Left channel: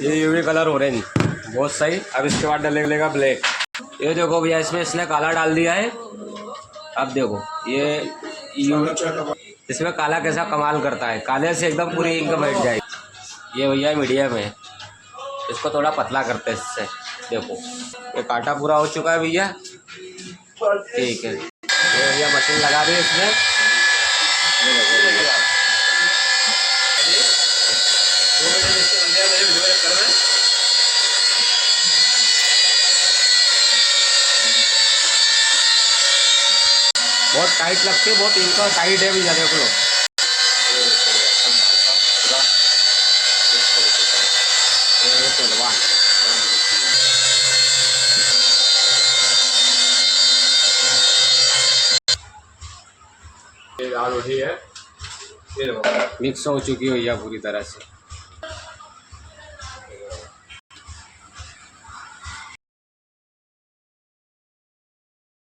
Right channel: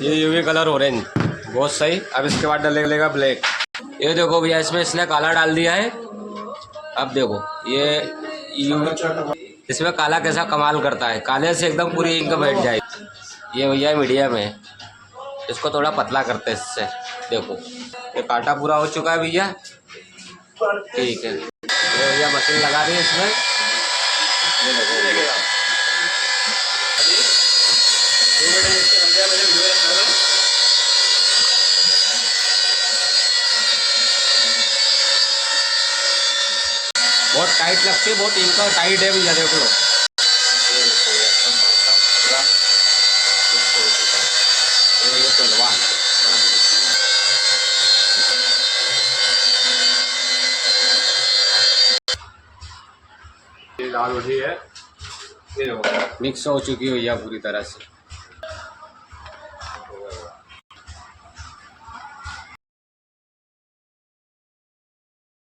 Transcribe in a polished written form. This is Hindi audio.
ये यूवी कलर ऑरेंज बहुत सही। अब इसके बाद डलेगा ब्लैक। ये देखो भैया इसमें इसने काला डाल दिया है। अब देखो ये इसमें काला कैसा कमाल करता है, काले से एकदम पूरी इंक बैठ जाएगी। ये भैया मीडियम है, इसको थोड़ा पतला करते हैं इससे। देखो ये कांटा पूरा हो चुका है भैया। ठीक है, ये भैया मशीन लगा दी इसमें। ये देखो भैया बहुत टाइट लगती है, बहुत इनका टाइट है भैया देख लो। ये पहलवान ये दाल उठी है, ये देखो मिक्स हो चुकी है भैया पूरी तरह से।